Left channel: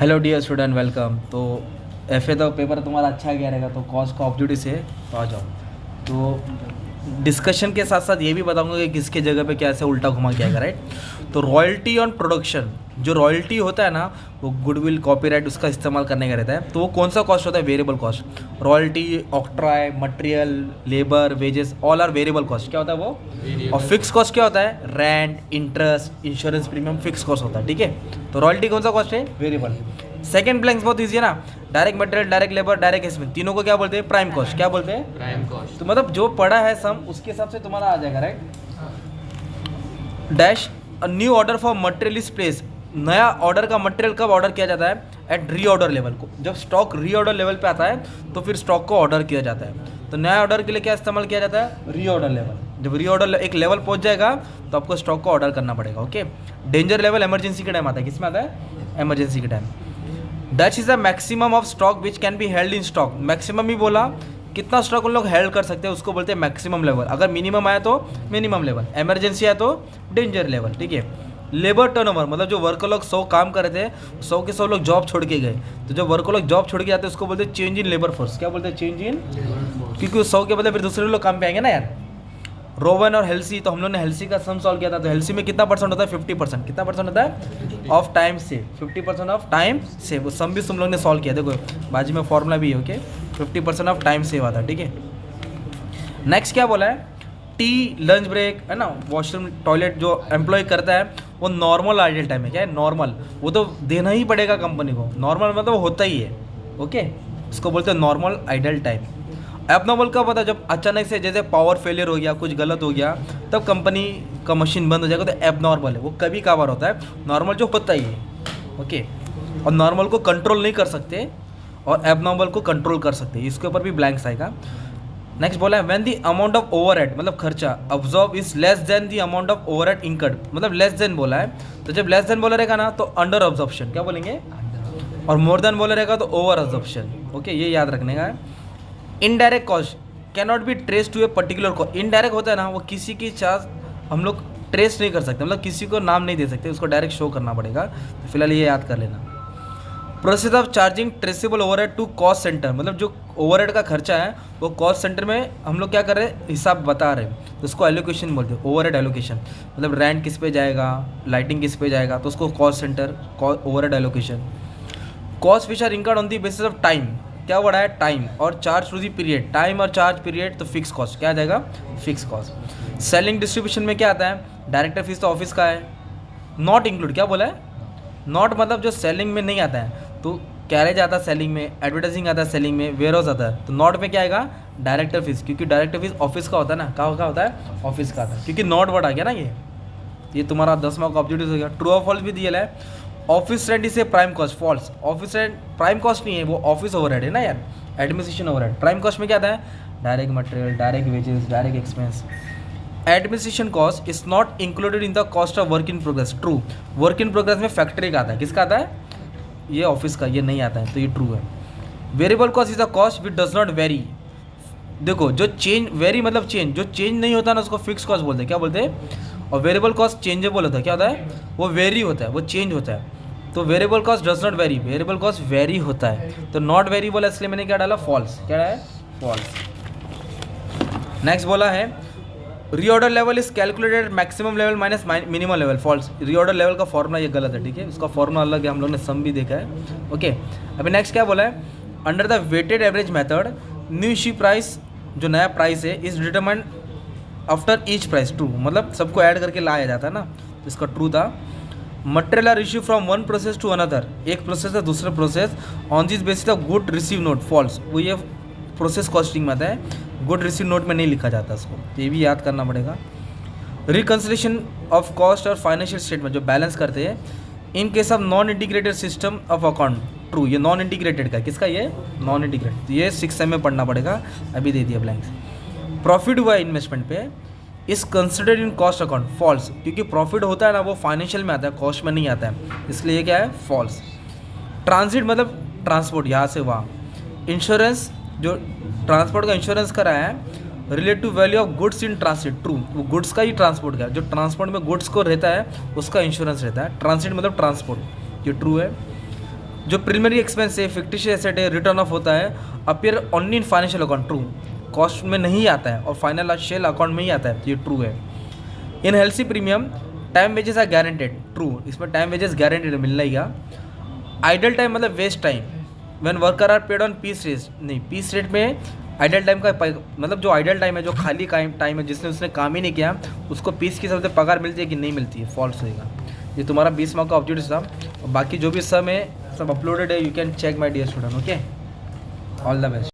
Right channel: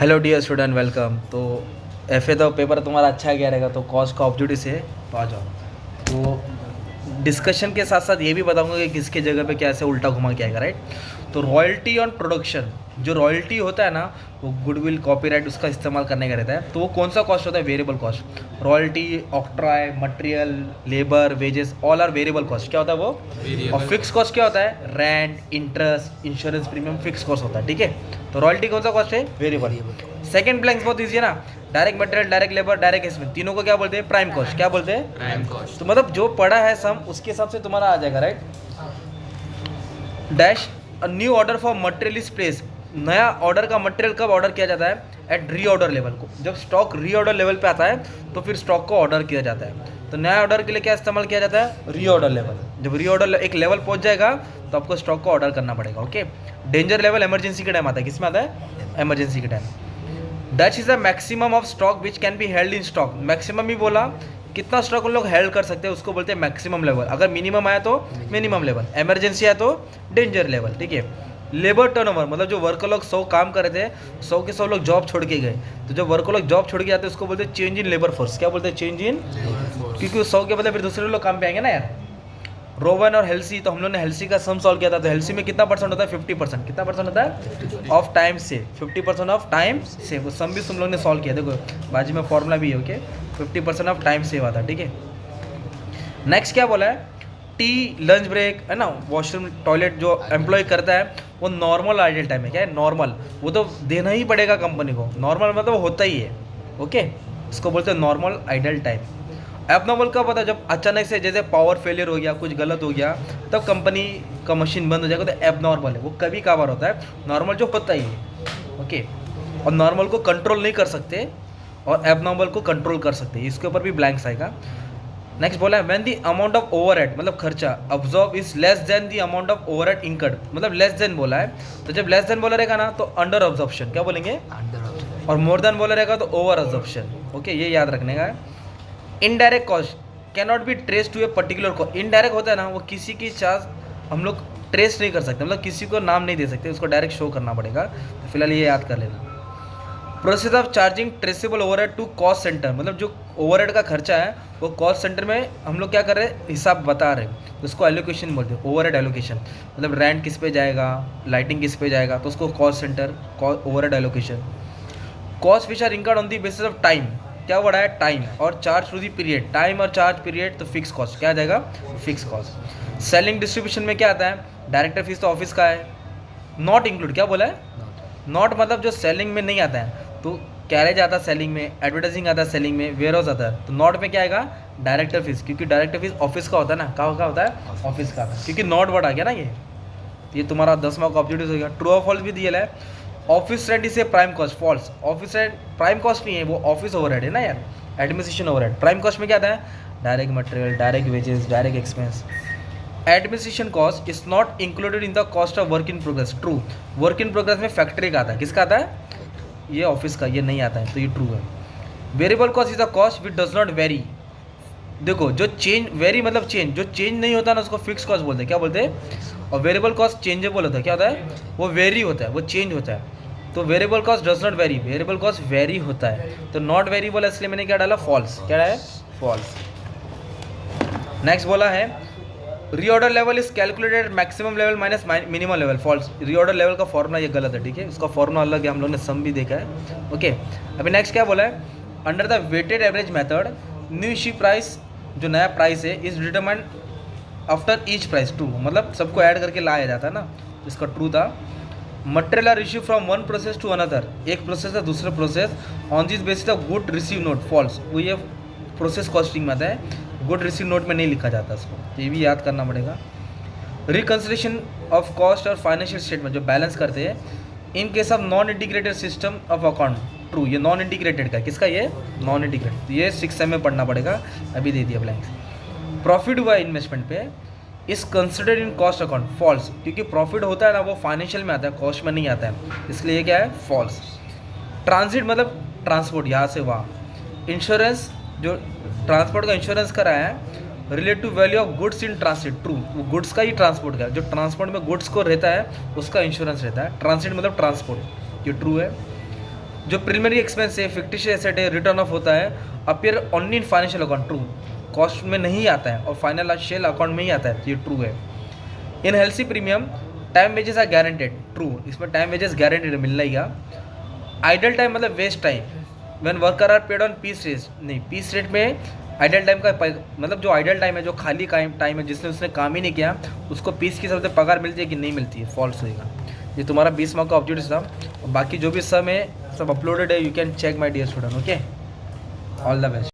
Hello dear student, welcome. तो F A तो paper तुम्हारा अच्छा गया रहेगा, तो कॉस्ट का ऑब्जेक्टिव से तो आ जाओ। तो डिस्कशन के साथ साथ ये भी बताऊंगा कि किसके जगह पे कैसे उल्टा घुमा के आएगा, राइट। तो रॉयल्टी ऑन प्रोडक्शन, जो रॉयल्टी होता है ना, वो गुडविल कॉपीराइट उसका इस्तेमाल करने का रहता है। तो वो कौन सा कॉस्ट होता है? Variable cost. Royalty, octroi, material, labour, wages, all are variable cost. क्या होता है वो? और फिक्स कॉस्ट क्या होता है? Rent, interest, insurance premium, fix cost होता है, ठीक है। तो रॉयल्टी कौन सा कॉस्ट है? वेरिएबल। सेकंड ब्लैंक्स बहुत ईजी है ना, direct material, direct labour, direct expense, तीनों को क्या बोलते हैं? Prime cost. क्या बोलते हैं? Prime cost. तो मतलब जो पढ़ा है सम, उसके हिसाब से तुम्हारा आ जाएगा, right. Dash a new order for material is place. नया ऑर्डर का मटेरियल कब ऑर्डर किया जाता है? एट री ऑर्डर लेवल को। जब स्टॉक री ऑर्डर लेवल पे आता है तो फिर स्टॉक को ऑर्डर किया जाता है। तो नया ऑर्डर के लिए क्या इस्तेमाल किया जाता है? री ऑर्डर लेवल। जब री ऑर्डर एक लेवल पहुंच जाएगा तो आपको स्टॉक को ऑर्डर करना पड़ेगा, ओके। डेंजर लेवल इमरजेंसी के टाइम आता है। किस में आता है? इमरजेंसी के time. That is the maximum of stock which can be held in stock. Maximum ही बोला, कितना स्टॉक उन लोग हेल्ड कर सकते हैं उसको बोलते हैं मैक्सिमम लेवल। अगर मिनिमम आया तो मिनिमम लेवल, इमरजेंसी आया तो डेंजर लेवल, ठीक है। लेबर टर्नओवर मतलब जो वर्कर लोग 100 काम कर रहे थे, 100 के 100 लोग जॉब छोड़ के गए, तो जब वर्कर लोग जॉब छोड़ के जाते हैं उसको बोलते हैं चेंज इन लेबर फोर्स। क्या बोलते हैं? चेंज इन, क्योंकि 100 के बदले फिर दूसरे लोग काम पे आएंगे ना यार। रोवन और हेल्सी, तो हम लोग ने हेल्सी का सम सॉल्व किया था। तो हेल्सी में कितना परसेंट होता है? 50%। कितना परसेंट होता है? ऑफ टाइम से 50% ऑफ टाइम से। वो सम भी तुम लोग ने सॉल्व किया, देखो बाजू में फॉर्मूला भी है, ओके। 50% ऑफ टाइम सेव आता है, ठीक है। नेक्स्ट क्या बोला है? टी, लंच ब्रेक, है ना, वॉशरूम, टॉयलेट जो एम्प्लॉय करता है वो नॉर्मल आइडियल टाइम है। क्या है? नॉर्मल। वो तो देना ही पड़ेगा कंपनी को। नॉर्मल मतलब वो होता ही है, ओके। इसको बोलते हैं नॉर्मल आइडियल टाइम। एबनॉर्मल कब होता है? जब अचानक से जैसे पावर फेलियर हो गया, कुछ गलत हो गया, तब कंपनी का मशीन बंद हो जाएगा, तो एबनॉर्मल है। वो कभी कभार होता है। नॉर्मल जो होता ही है, ओके। और नॉर्मल को कंट्रोल नहीं कर सकते और एबनॉर्मल को कंट्रोल कर सकते हैं। इसके ऊपर भी ब्लैंक्स आएगा। नेक्स्ट बोला है when the amount of overhead मतलब खर्चा absorb is less than the amount of overhead incurred, मतलब लेस देन बोला है। तो जब लेस देन बोला रहेगा ना तो अंडर अब्जॉर्प्शन। क्या बोलेंगे? और मोर देन बोला रहेगा तो ओवर अब्जॉर्प्शन, ओके। ये याद रखने का है। Indirect cost can not be trace to a particular cost. Indirect होता है ना, वो किसी की चार्ज हम लोग ट्रेस नहीं कर सकते, मतलब किसी को नाम नहीं दे सकते, उसको डायरेक्ट शो करना पड़ेगा। तो फिलहाल ये याद कर लेना। Process of charging traceable overhead to cost centre, मतलब जो ओवरहेड का खर्चा है वो कॉस्ट सेंटर में हम लोग क्या कर रहे हैं? हिसाब बता रहे हैं, तो उसको एलोकेशन बोलते हैं। ओवरहेड एलोकेशन मतलब रेंट किस पे जाएगा, लाइटिंग किस पे जाएगा, तो उसको cost centre, overhead allocation. Cost which are incurred on the basis of time, क्या वर्ड है? टाइम। और charge to the period, time और चार्ज पीरियड, तो फिक्स कॉस्ट। क्या आ जाएगा? Fix cost. सेलिंग डिस्ट्रीब्यूशन में क्या आता है? डायरेक्टर फीस तो ऑफिस का है, नॉट इंक्लूड। क्या बोला है? नॉट मतलब जो सेलिंग में नहीं आता है। तो कैरेज आता है सेलिंग में, एडवर्टाइजिंग आता है सेलिंग में, वेयर हाउस आता है। तो नॉट में क्या आएगा? डायरेक्टर फीस, क्योंकि डायरेक्टर फीस ऑफिस का होता है ना। कहाँ का होता है? ऑफिस का, क्योंकि नॉट वर्ड आ गया ना। ये तुम्हारा 10 मार्क ऑब्जेक्टिव हो गया। ट्रू और फॉल्स भी दिया है। ऑफिस रेंट इसे prime cost, false. Office rent prime cost नहीं है, वो ऑफिस ओवरहेड है ना यार, एडमिनिस्ट्रेशन ओवरहेड। प्राइम कॉस्ट में क्या आता है? Direct material, direct wages, direct expense. Administration cost is not included in the cost of work in progress. True. Work in progress में फैक्ट्री का आता है, किसका आता है? ये ऑफिस का, ये नहीं आता है, तो ये ट्रू है। Variable cost is the cost which does not very. देखो जो चेंज, वेरी मतलब चेंज, जो चेंज नहीं होता ना उसको फिक्स कॉस्ट बोलते हैं। क्या बोलते हैं? और वेरिएबल कॉस्ट चेंजेबल होता है। क्या होता है? वो वेरी होता है, वो चेंज होता है। तो variable cost does not very, variable cost very होता है। तो नॉट वेरी बोला, इसलिए मैंने क्या डाला? फॉल्स। क्या है? फॉल्स। नेक्स्ट बोला है reorder level is calculated maximum level minus minimum level. False. Reorder level का फॉर्मूला ये गलत है, ठीक है। इसका फॉर्मूला अलग है, हम लोग ने सम भी देखा है, ओके। अभी नेक्स्ट क्या बोला है? Under the weighted average method new issue price, जो नया प्राइस है, is determined after each price. True, मतलब सबको ऐड करके लाया जाता है ना, इसका ट्रू था। Material are issue from one process to another, एक प्रोसेस से दूसरे process, on this basis of good receive note. False. वो ये प्रोसेस कॉस्टिंग में आता है, गुड रिसीव नोट में नहीं लिखा जाता इसको, ये भी याद करना पड़ेगा। रिकन्सिलेशन ऑफ कॉस्ट और फाइनेंशियल स्टेटमेंट जो बैलेंस करते हैं in case of non integrated system of account. True. ये नॉन इंटीग्रेटेड का, किसका? ये नॉन इंटीग्रेटेड, ये 6 में पढ़ना पड़ेगा, अभी दे दिया ब्लैंक्स। प्रॉफिट हुआ इन्वेस्टमेंट पे is considered in cost account. False, क्योंकि प्रॉफिट होता है ना वो फाइनेंशियल में आता है, कॉस्ट में नहीं आता है, इसलिए क्या है? फॉल्स। ट्रांजिट मतलब ट्रांसपोर्ट, यहाँ से वहाँ। इंश्योरेंस, जो ट्रांसपोर्ट का इंश्योरेंस कराया है, relate to value of goods in transit. True. वो गुड्स का ही ट्रांसपोर्ट का, जो ट्रांसपोर्ट में गुड्स को रहता है उसका इंश्योरेंस रहता है। ट्रांसिट मतलब ट्रांसपोर्ट, ये ट्रू है। जो प्रीलिमिनरी एक्सपेंस है, फिक्टिशियस एसेट है, रिटर्न ऑफ होता है, appear only in financial account, true, cost में नहीं आता है और फाइनेंशियल अकाउंट में ही आता है, ये ट्रू है। In Halsey premium time wages are guaranteed, true, इसमें टाइम वेजेस गारंटेड मिलना ही का। आइडल टाइम मतलब waste time, when worker are paid on piece rate, नहीं, पीस रेट में आइडल टाइम का मतलब जो आइडल टाइम है, जो खाली टाइम है जिसने उसने काम ही नहीं किया, उसको पीस की हिसाब से पगार मिलती है कि नहीं मिलती है, फॉल्स रहेगा। ये तुम्हारा 20 मार्क का ऑब्जेक्टिव था, और बाकी जो भी सम है सब अपलोडेड है, you can check my dear student, okay, all the best.